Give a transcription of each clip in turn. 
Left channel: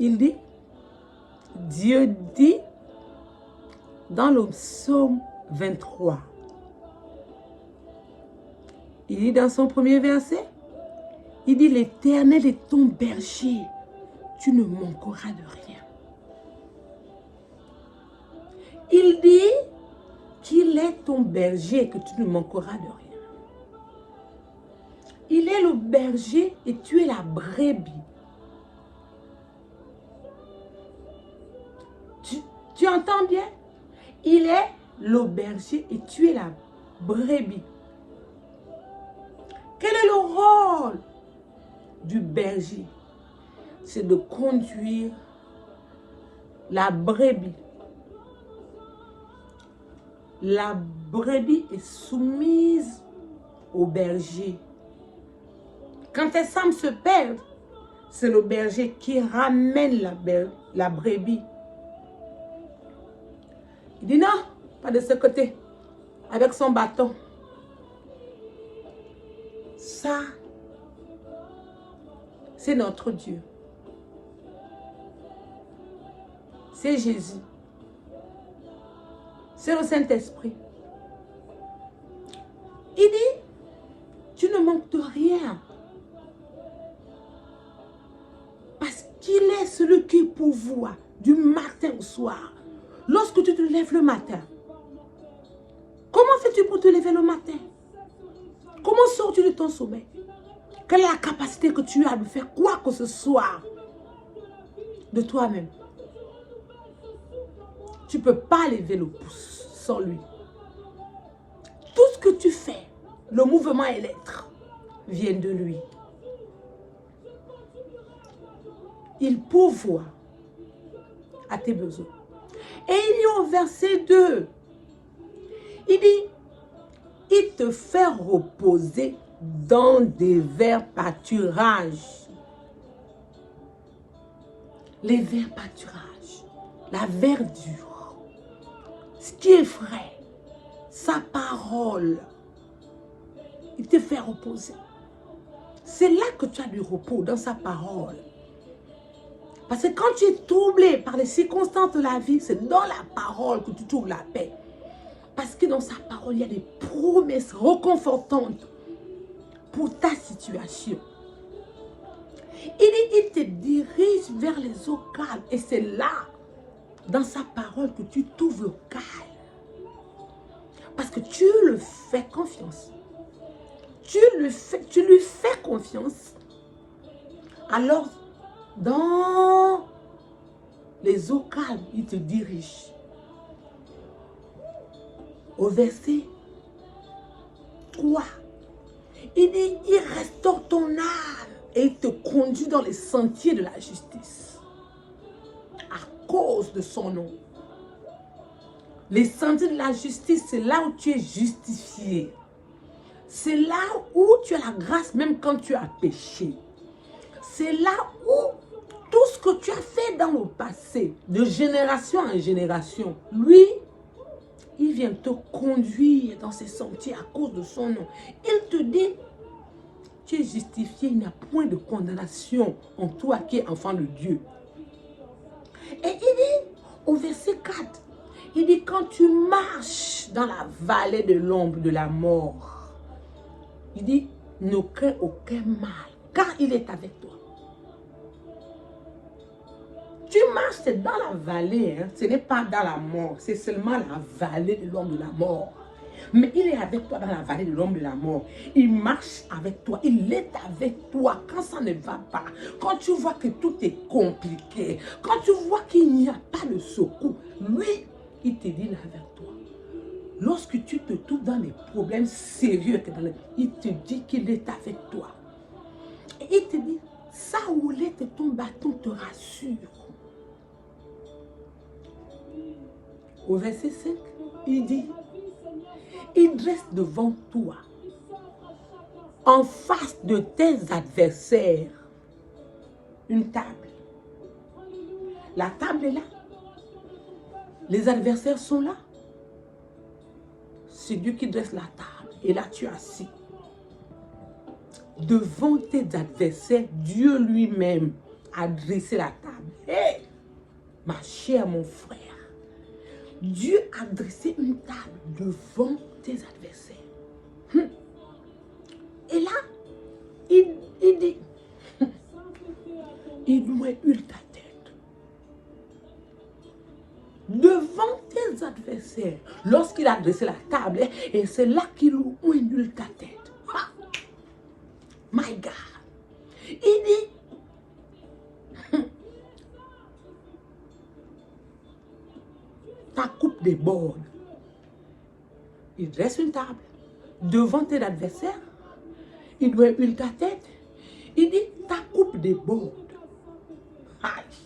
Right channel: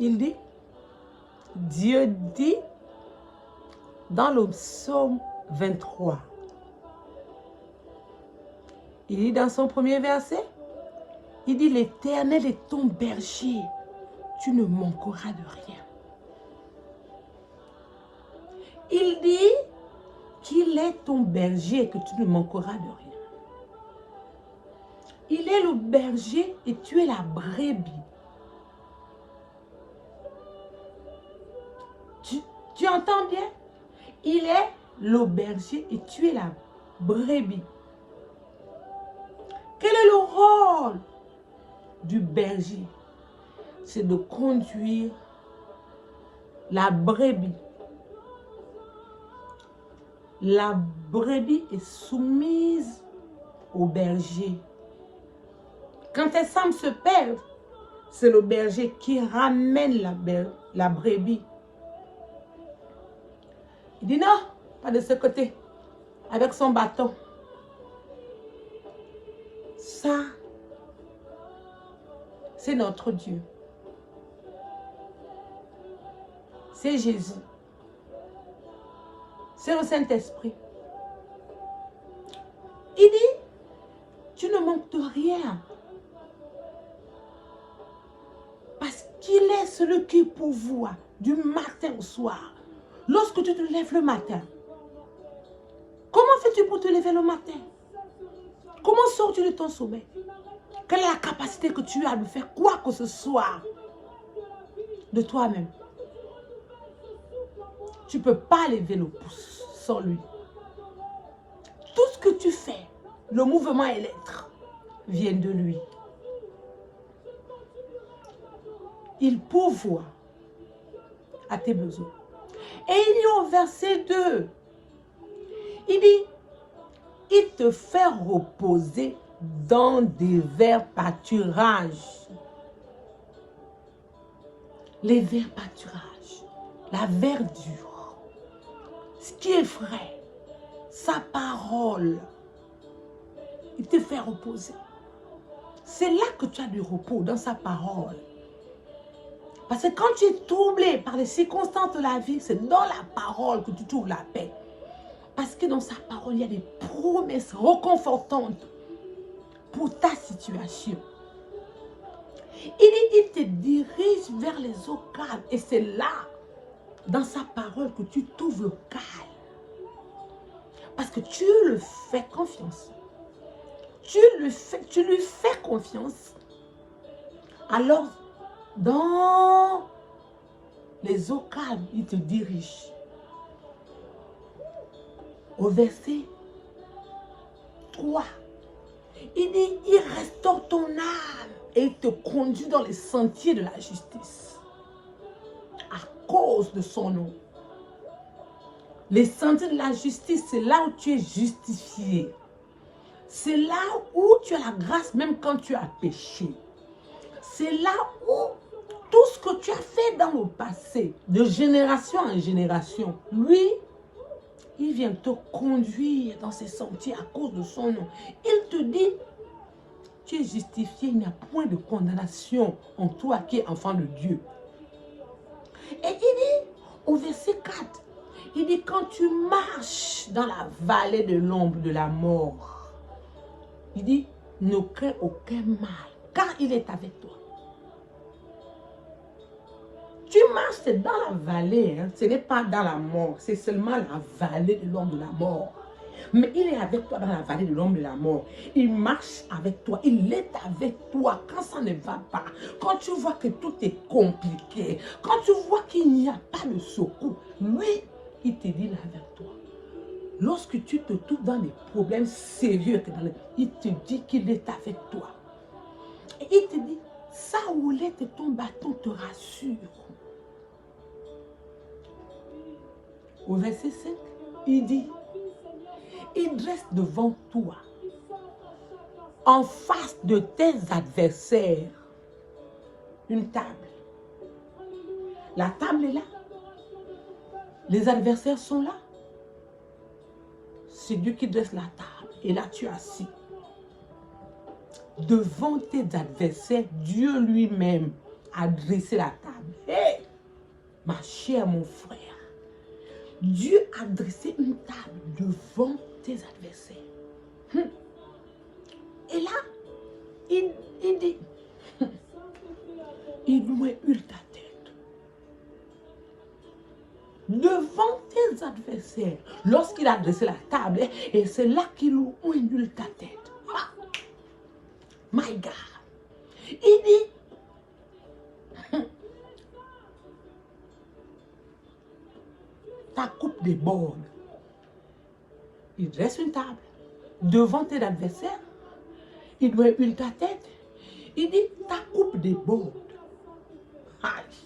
il dit, Dieu dit dans le psaume 23, il dit dans son premier verset, il dit, l'Éternel est ton berger, tu ne manqueras de rien. Il dit qu'il est ton berger et que tu ne manqueras de rien. Il est le berger et tu es la brebis. Tu entends bien? Il est le berger et tu es la brebis. Quel est le rôle du berger? C'est de conduire la brebis. La brebis est soumise au berger. Quand elle semble se perdre, c'est le berger qui ramène la brebis. Il dit non, pas de ce côté, avec son bâton. Ça, c'est notre Dieu. C'est Jésus. C'est le Saint-Esprit. Il dit, tu ne manques de rien. Parce qu'il est celui qui pourvoit du matin au soir. Lorsque tu te lèves le matin, comment fais-tu pour te lever le matin? Comment sors-tu de ton sommeil? Quelle est la capacité que tu as de faire quoi que ce soit de toi-même? Tu ne peux pas lever le pouce sans lui. Tout ce que tu fais, le mouvement et l'être, viennent de lui. Il pourvoit à tes besoins. Et il y a au verset 2, il dit, il te fait reposer dans des verts pâturages. Les verts pâturages, la verdure, ce qui est frais, sa parole, il te fait reposer. C'est là que tu as du repos, dans sa parole. Parce que quand tu es troublé par les circonstances de la vie, c'est dans la parole que tu trouves la paix. Parce que dans sa parole, il y a des promesses réconfortantes pour ta situation. Il dit, il te dirige vers les eaux calmes. Et c'est là, dans sa parole, que tu trouves le calme. Parce que tu lui fais confiance. Tu lui fais confiance. Alors, dans les eaux calmes, il te dirige. Au verset 3, il dit, il restaure ton âme et il te conduit dans les sentiers de la justice. À cause de son nom. Les sentiers de la justice, c'est là où tu es justifié. C'est là où tu as la grâce même quand tu as péché. C'est là où tout ce que tu as fait dans le passé, de génération en génération, lui, il vient te conduire dans ces sentiers à cause de son nom. Il te dit, tu es justifié, il n'y a point de condamnation en toi qui es enfant de Dieu. Et il dit, au verset 4, il dit, quand tu marches dans la vallée de l'ombre de la mort, il dit, ne crains aucun mal, car il est avec toi. Tu marches, c'est dans la vallée, hein? Ce n'est pas dans la mort, c'est seulement la vallée de l'ombre de la mort. Mais il est avec toi dans la vallée de l'ombre de la mort. Il marche avec toi, il est avec toi quand ça ne va pas. Quand tu vois que tout est compliqué, quand tu vois qu'il n'y a pas de secours, lui, il te dit, il est avec toi. Lorsque tu te trouves dans des problèmes sérieux, il te dit qu'il est avec toi. Et il te dit, sa houlette et ton bâton te rassurent. Au verset 5, il dit, il dresse devant toi, en face de tes adversaires, une table. La table est là. Les adversaires sont là. C'est Dieu qui dresse la table. Et là, tu es assis. Devant tes adversaires, Dieu lui-même a dressé la table. Hey! Ma chère, mon frère, Dieu a dressé une table devant tes adversaires. Et là, il dit, il doit huile ta tête. Devant tes adversaires, lorsqu'il a dressé la table, et c'est là qu'il huile ta tête. Ah, my God. Il dit, ta coupe déborde. Il dresse une table devant tes adversaires. Il doit huiler ta tête. Il dit, ta coupe déborde. Aïe.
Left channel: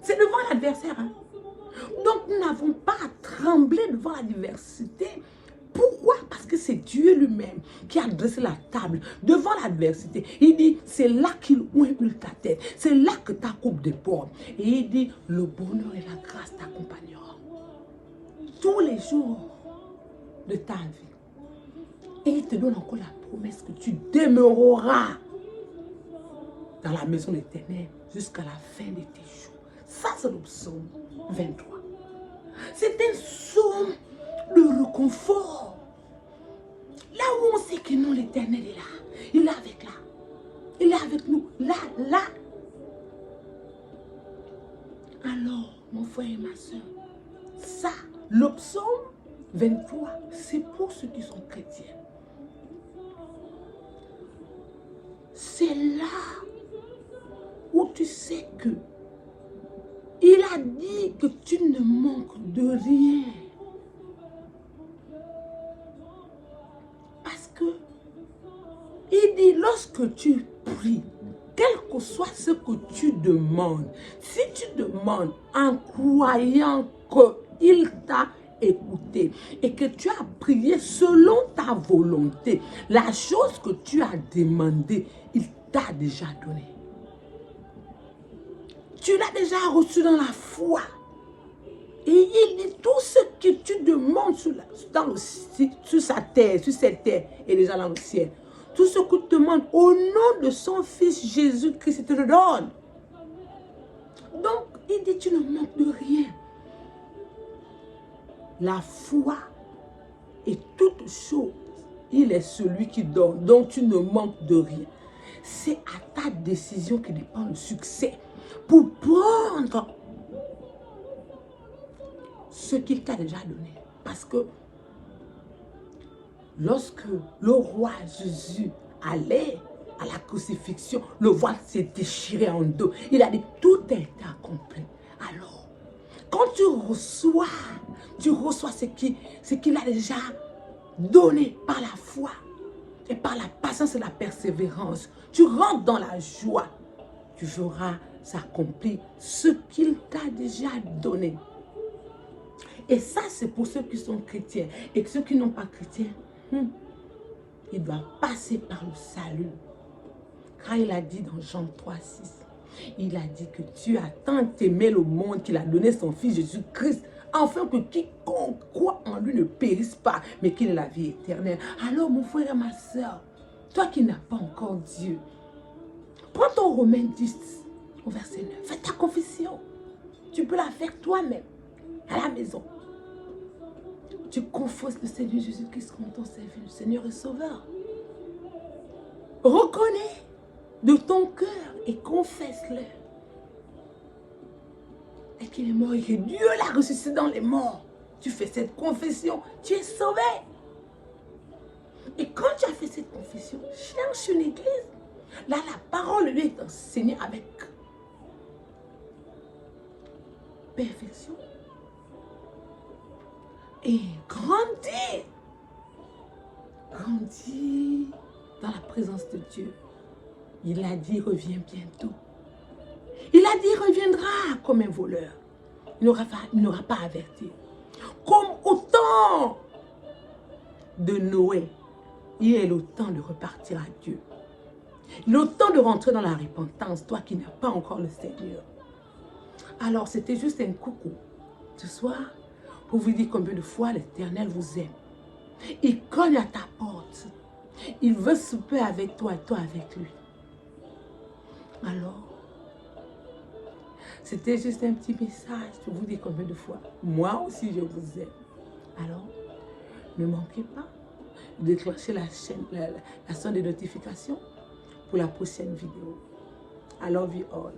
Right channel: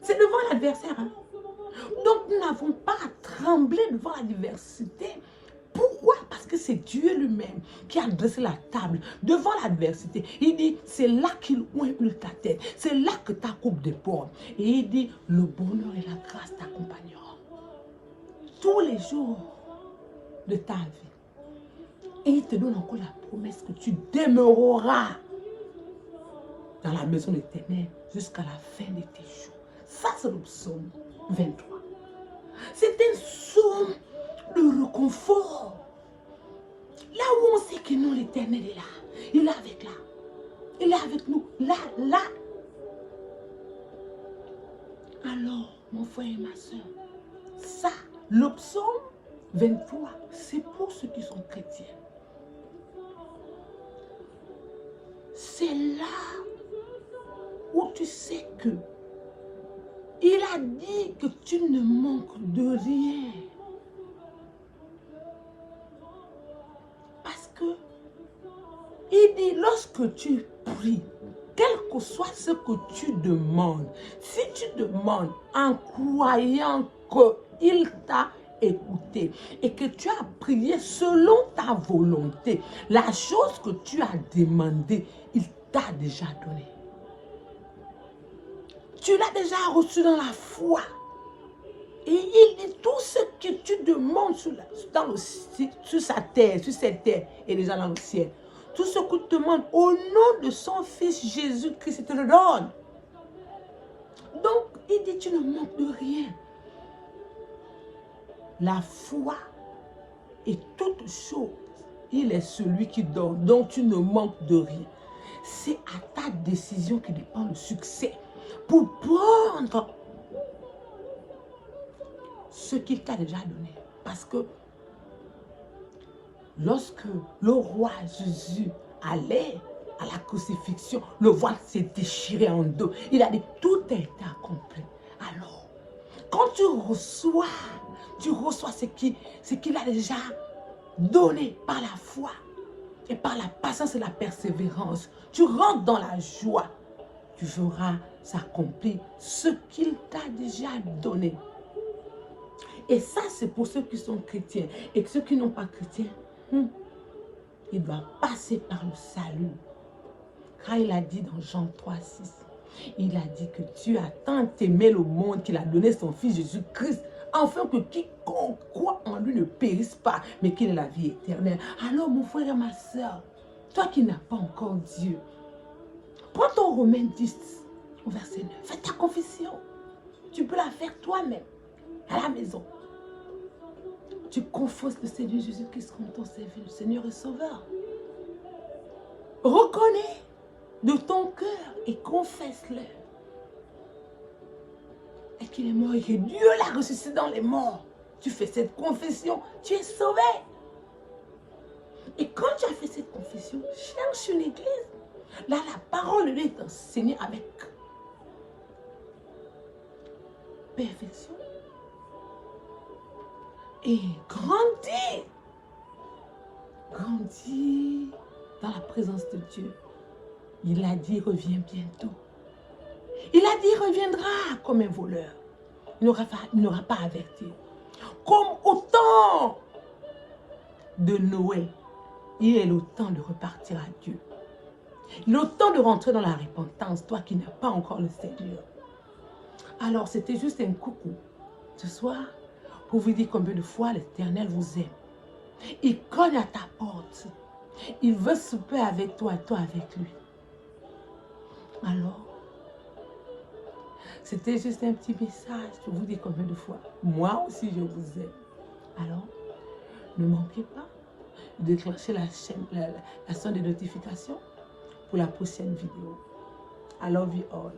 C'est devant l'adversaire. Hein? Donc, nous n'avons pas à trembler devant l'adversité. Pourquoi? Parce que c'est Dieu lui-même qui a dressé la table devant l'adversité. Il dit, c'est là qu'il huile ta tête. C'est là que ta coupe déborde. Et il dit, le bonheur et la grâce t'accompagneront tous les jours de ta vie. Et il te donne encore la promesse que tu demeureras dans la maison de l'Éternel jusqu'à la fin de tes jours. Ça, c'est le psaume 23. C'est un psaume de réconfort. Là où on sait que non, l'Éternel est là. Il est avec là. Il est avec nous. Là. Alors, mon frère et ma soeur, ça, le psaume 23, c'est pour ceux qui sont chrétiens. C'est là où tu sais que il a dit que tu ne manques de rien. Parce que il dit, lorsque tu pries, quel que soit ce que tu demandes, si tu demandes en croyant qu'il t'a écouté et que tu as prié selon ta volonté, la chose que tu as demandé, il t'a déjà donné. Tu l'as déjà reçu dans la foi. Et il dit, tout ce que tu demandes sur cette terre est déjà dans le ciel. Tout ce que tu demandes au nom de son Fils Jésus-Christ, il te le donne. Donc, il dit, tu ne manques de rien. La foi est toute chose. Il est celui qui donne, donc tu ne manques de rien. C'est à ta décision que dépend le succès. Pour prendre ce qu'il t'a déjà donné. Parce que lorsque le roi Jésus allait à la crucifixion, le voile s'est déchiré en deux. Il a dit, tout a été accompli. Alors, quand tu reçois ce qu'il a déjà donné par la foi et par la patience et la persévérance. Tu rentres dans la joie. Tu verras s'accomplir ce qu'il t'a déjà donné. Et ça, c'est pour ceux qui sont chrétiens. Et ceux qui n'ont pas chrétiens, ils doivent passer par le salut. Car il a dit dans Jean 3,6, il a dit que Dieu a tant aimé le monde qu'il a donné son Fils Jésus-Christ, afin que quiconque croit en lui ne périsse pas, mais qu'il ait la vie éternelle. Alors, mon frère et ma soeur, toi qui n'as pas encore Dieu, prends ton Romains 10, au verset 9, fais ta confession. Tu peux la faire toi-même, à la maison. Tu confesses le Seigneur Jésus-Christ comme ton Seigneur et Sauveur. Reconnais de ton cœur et confesse-le. Et qu'il est mort et que Dieu l'a ressuscité dans les morts. Tu fais cette confession, tu es sauvé. Et quand tu as fait cette confession, cherche une église. Là, la parole de Dieu est enseignée avec perfection. Et grandis. Grandis dans la présence de Dieu. Il a dit, reviens bientôt. Il a dit, il reviendra comme un voleur. Il n'aura pas averti. Comme au temps de Noé, il est le temps de repartir à Dieu. Le temps de rentrer dans la repentance, toi qui n'as pas encore le Seigneur. Alors, c'était juste un coucou ce soir pour vous dire combien de fois l'Éternel vous aime. Il cogne à ta porte. Il veut souper avec toi et toi avec lui. Alors, C'était juste un petit message pour vous dire combien de fois. Moi aussi, je vous aime. Alors, ne manquez pas de déclencher la sonde de notification pour la prochaine vidéo. I love you all.